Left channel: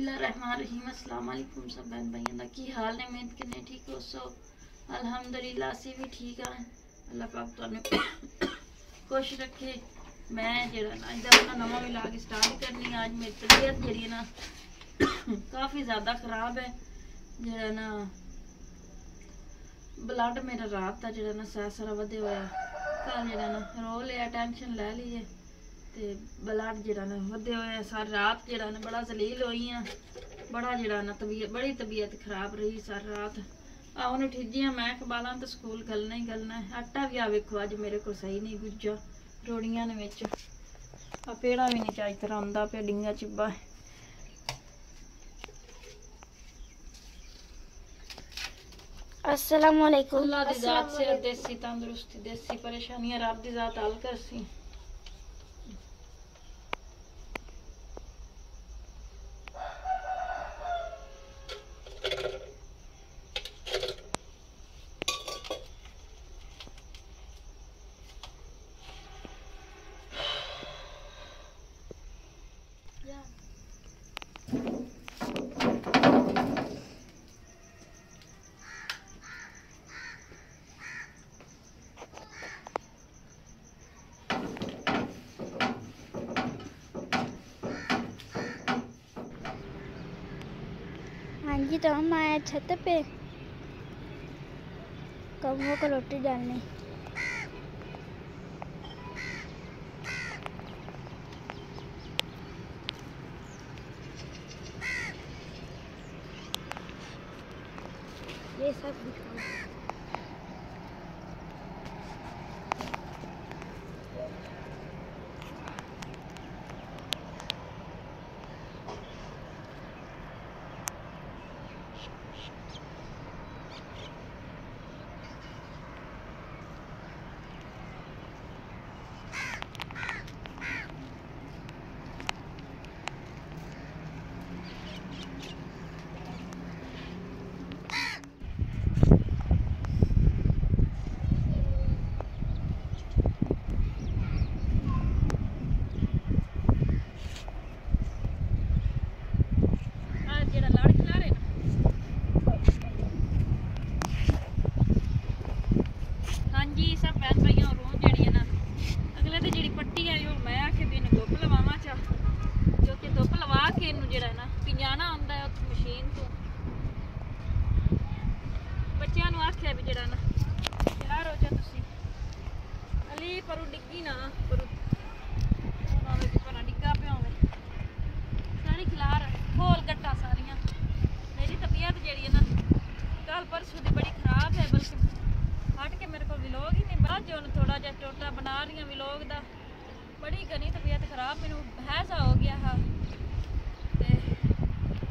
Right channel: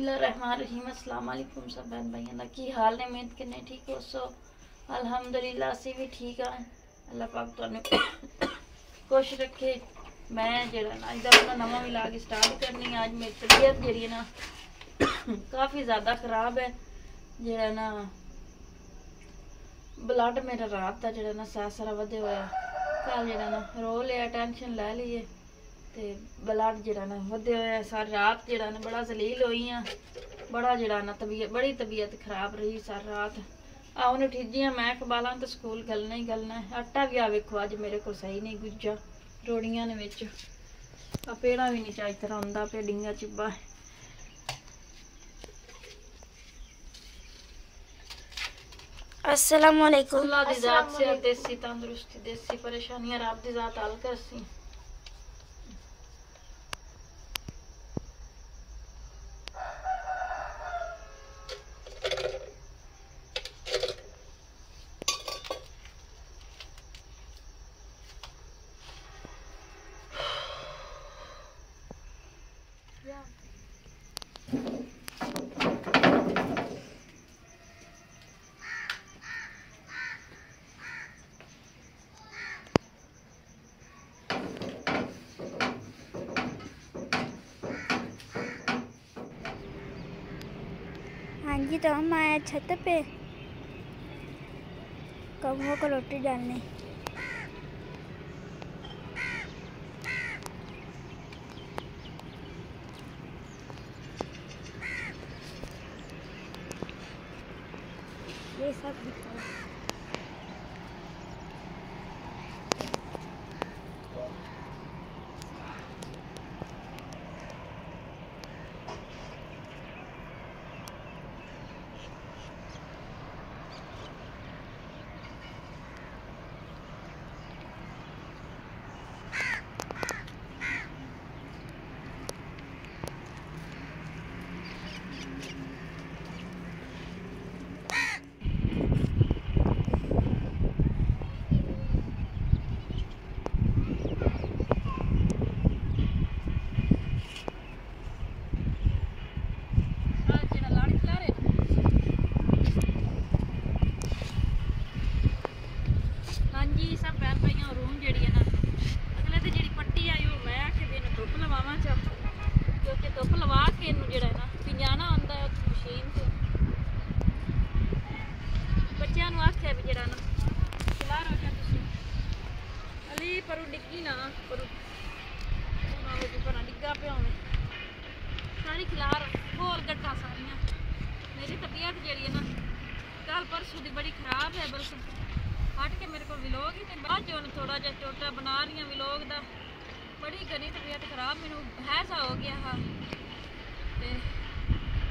बिस्मिल्लाहिर्रहमानिर्रहीम। अस्सलाम वालेकुम सब बहन भाइयों का की हाल ने, उम्मीद करने ठीक हो सो। अल्हम्दुलिल्लाह से भी ठीक है। अल्लाह पाक तुहानू खुश रखे। मैं जरा ना इधर अपना नवा व्लॉग स्टार्ट करनी। आज मेरी तबीयत जी ना काफ़ी ज़्यादा ख़राब है। जरा ना ब्लड मेरा रात का जरा ना सारा वधे हुआ। कल जरा ना रो लिया, टेंशन ले ली है ते ब्लड जरा ना वधे हुए। सारी रात जरा ना बड़ा जलील हुई हाँ। बड़ा जरा ना बड़ी तबीयत खराब रही सारी रात। आने ठीजी मैं कबाला तो स्कूल गलना ही गलना है। आटा भी आ वेखो अज मेरे को सही नहीं गुज्जा। रोड़ियां ने विच पेड़ा भी नहीं चाही तरह आंदा पे डिंगा चिब्बा। अस्सलाम वालेकुम। अल्लाह दी जात से देसी तंदुरुस्ती, देसी परेशानियां रब दी जात हल करसी। हाँ जी, तो हम आए छत पे कौवों को रोटी डालने। ये सब सब बहन भाइयों रूह जी है ना अगले दिन जी पट्टी आई वो मैं आखे भी धुप लवाव चा क्योंकि धुप लवा के इन जो ना पिंजाना आता है उस मशीन तो बच्चों आख्या भी जरा ना खिला रो जा तुसी अली पर डिग्गी ना पर डिग्गा पे होवे सारी खिलार खोल गट्टा सारियां। मेरी तबीयत जी है ना कल परसों की बड़ी खराब है। बल्कि हट के मेरे को व्लॉग ही नहीं बाद जो थोड़ा जहा छोटा बना रही हूँ व्लॉग का। बड़ी घनी तबीयत खराब मैनू हैजा हो गया हाँ।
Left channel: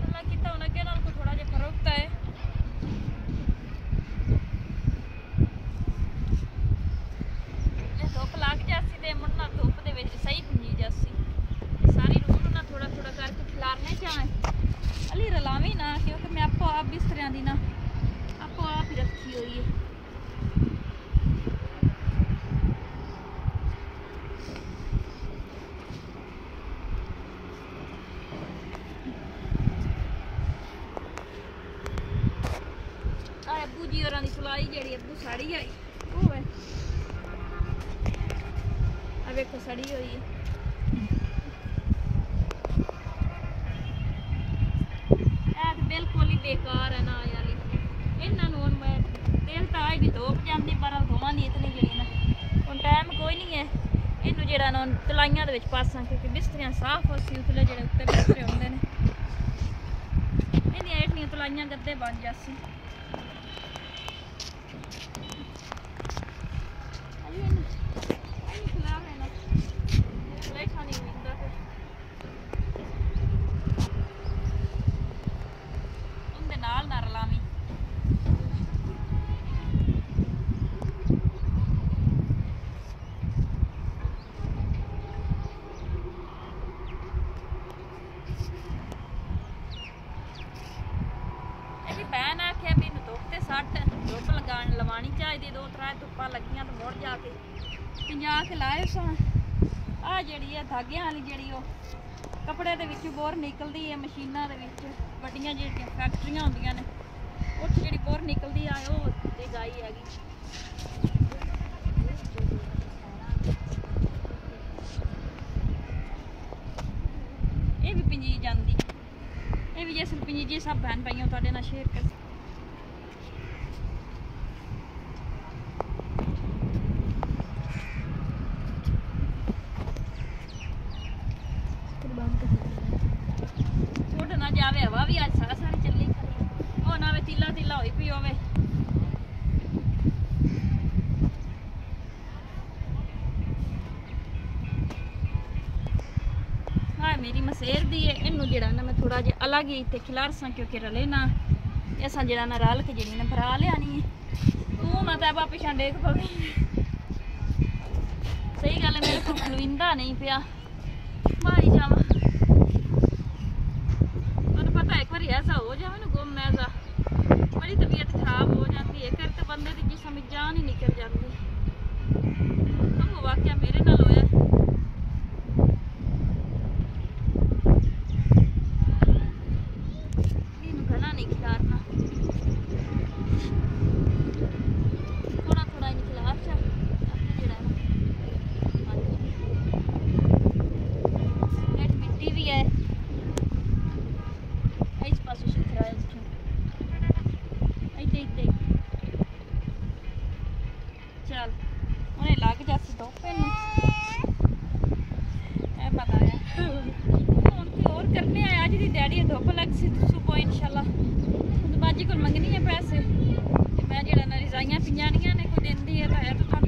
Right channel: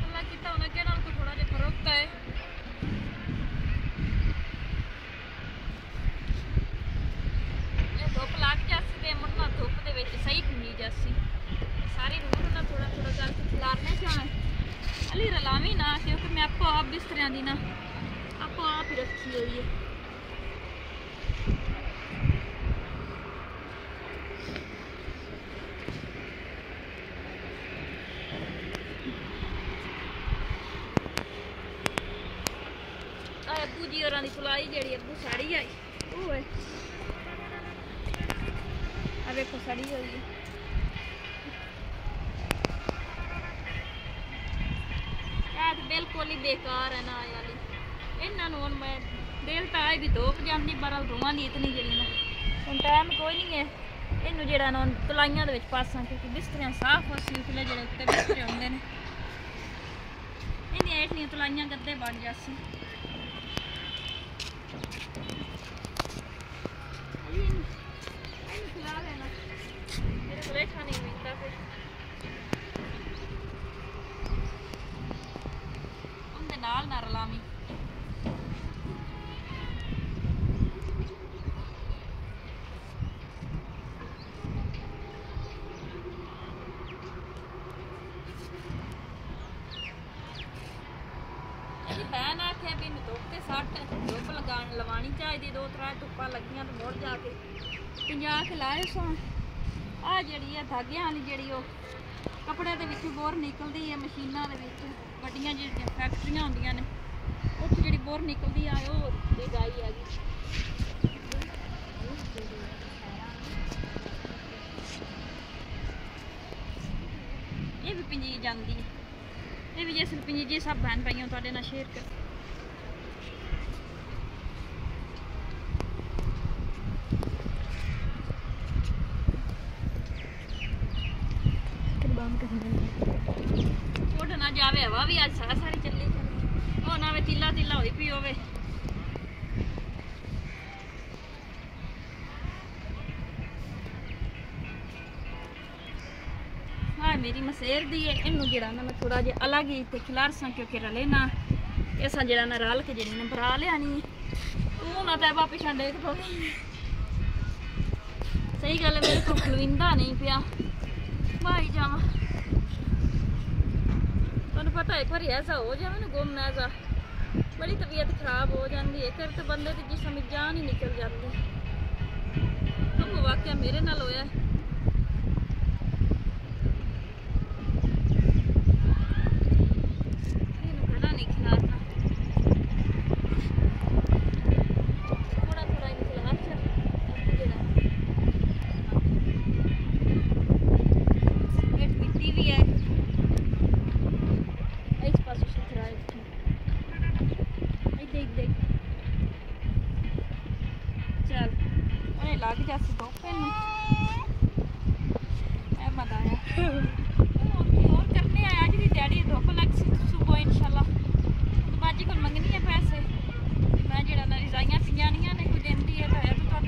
अल्लाह किता हूँ अगे नाल थोड़ा जहा फर्क है। धुप लग जासी तो मुन्ना धुप के सही भुंजी जासी सारी रूह ना थोड़ा थोड़ा करके खिलारने चाहे अली रलावी ना क्योंकि मैं आपो आप बिस्तरियां दी ना आपो आप ही रखी हुई है। अबू जी होरां दी सिलाई जेहड़ी अबू साड़ी आई वो है देखो सड़ी हुई है। बिल्कुल ही बेकार है ना याली इन्हों हूँ मैं तेल टाए भी धोप जाती पर धोवा नहीं इतनी जी ना हूँ टाइम कोई नहीं है। इनू जरा ना तलाइया पासा क्योंकि बिस्तरियां साफ होसी उसले जो उत्ते बिस्तरे होंगे ने इन हेठियां तलाइया गद्दे बन जासी। नाल ना रलामी भैन आख्या भी धुप से सट धुप लवानी चाहिए। 2-3 धुप्पा लगियां तो मुड़ जाके 50 के लाए सा ਆ ਜਿਹੜੀ ਆ ਧਾਗਿਆਂ ਵਾਲੀ ਜਿਹੜੀ ਉਹ ਕੱਪੜੇ ਦੇ ਵਿੱਚ ਬੋਰ ਨਿਕਲਦੀ ਹੈ ਮਸ਼ੀਨਾਂ ਦੇ ਵਿੱਚ ਵੱਡੀਆਂ ਜਿਹੜੀਆਂ ਫੈਕਟਰੀਆਂ ਹੁੰਦੀਆਂ ਨੇ ਉੱਥੇ ਜਿਹੜੀ ਬੋਰ ਨਿਕਲਦੀ ਆ ਉਹ ਤੇ ਗਾਈ ਹੈਗੀ। ਇਹ ਵੀ ਪਿੰਜੀ ਜਾਂਦੀ, ਇਹ ਵੀ ਜਿਸ ਪਿੰਜੀ ਜੀ ਸਭ ਬਹਿਣ ਪਈਆਂ ਤੁਹਾਡੇ ਨਾਲ ਸ਼ੇਅਰ ਕਰ। ਉੱਡ ਨਾ ਜਾਵੇ ਹਵਾ ਵੀ ਅੱਜ ਸਾਰੀ ਚੱਲੀ ਉਹ ਨਾ ਵੇ ਤਿੱਲਾ ਤਿੱਲਾ ਹੋਈ ਪਈ ਹੋਵੇ। ਹਾਂ ਮੇਰੀ ਮਸੇਰ ਦੀ ਹੈ, ਇਹਨੂੰ ਜਿਹੜਾ ਨਾ ਮੈਂ ਥੋੜਾ ਜਿਹਾ ਅਲੱਗ ਹੀ ਤੇ ਖਿਲਾਰਸਾਂ ਕਿਉਂਕਿ ਰਲੇ ਨਾ ਅਸਾਂ ਜਿਹੜਾ ਨਾ ਰਲ ਕੇ ਜਿਹੜੀ ਨਾ ਭਰਾ ਲਿਆਣੀ ਤੂੰ ਨਾ ਤੈਬਾ ਪਿਛਾਂ ਡੇਕ ਪਵੇ। ਸਹੀ ਗੱਲ ਹੈ ਮੇਰੇ ਕੋਲ ਖਲਵਿੰਦਾ ਨਹੀਂ ਪਿਆ ਭਾਈ ਜਾਵਾਂ। ਤੁਹਾਨੂੰ ਪਤਾ ਇੱਕ ਵਾਰੀ ਐਸਾ ਹੋ ਜਾਵੇ ਨਾ ਗੁੰਮ ਐਸਾ ਬੜੀ ਤਬੀਅਤ ਖਰਾਬ ਹੋ ਜਾਂਦੀ ਹੈ ਫਿਰ ਤੇ ਬੰਦੇ ਦੀ ਜਿਸਮ ਵਿੱਚ ਜਾਨ ਹੀ ਨਿਕਲ ਜਾਂਦੀ। ਉਹ ਵਾਕਿਆ ਮੇਰੇ ਨਾਲ ਹੋਇਆ। ਇਹਨੂੰ ਗਲਾ ਨਹੀਂ ਖਿਲਾਰਨਾ, ਥੋੜਾ ਥੋੜਾ ਇਹਨੂੰ ਖਿਲਾਰ ਚਾ ਆਪੇ ਜਿਹੜਾ ਨਾ ਇਹ ਮਿੱਟੀ ਵੀ ਹੈ ਇਸ ਪਾਸੇ ਸੁਥਰਾ ਹੈ ਇੱਥੋਂ ਇੱਥੇ ਚੱਲ ਉਹਨੇ ਲੱਗ ਜਾਸੀ ਧੋਪੇ ਨੂੰ ਇਹ ਬਤਾਇਆ ਹੁਣ ਕੀ ਹੋਰ ਕਰਨੇ ਆ। ਅੱਜ ਦੀ ਡੈਡੀ ਧੁੱਪ ਲੱਗ ਸੀ ਸੁਬਹ ਇਨਸ਼ਾਅੱਲਾ ਬਾਜੀ ਕੋਲ ਮੰਗਣੀ ਹੈ ਪੈਸੇ ਤੇ ਮੈਂ ਜਿਹੜਾ ਨਾ ਰਜ਼ਾਈਆਂ ਪਿਆਣੀਆਂ ਨੇ ਕੋਈ ਦਿੰਦੀ ਹੈ ਤਾਂ ਹੈ ਤਾਂ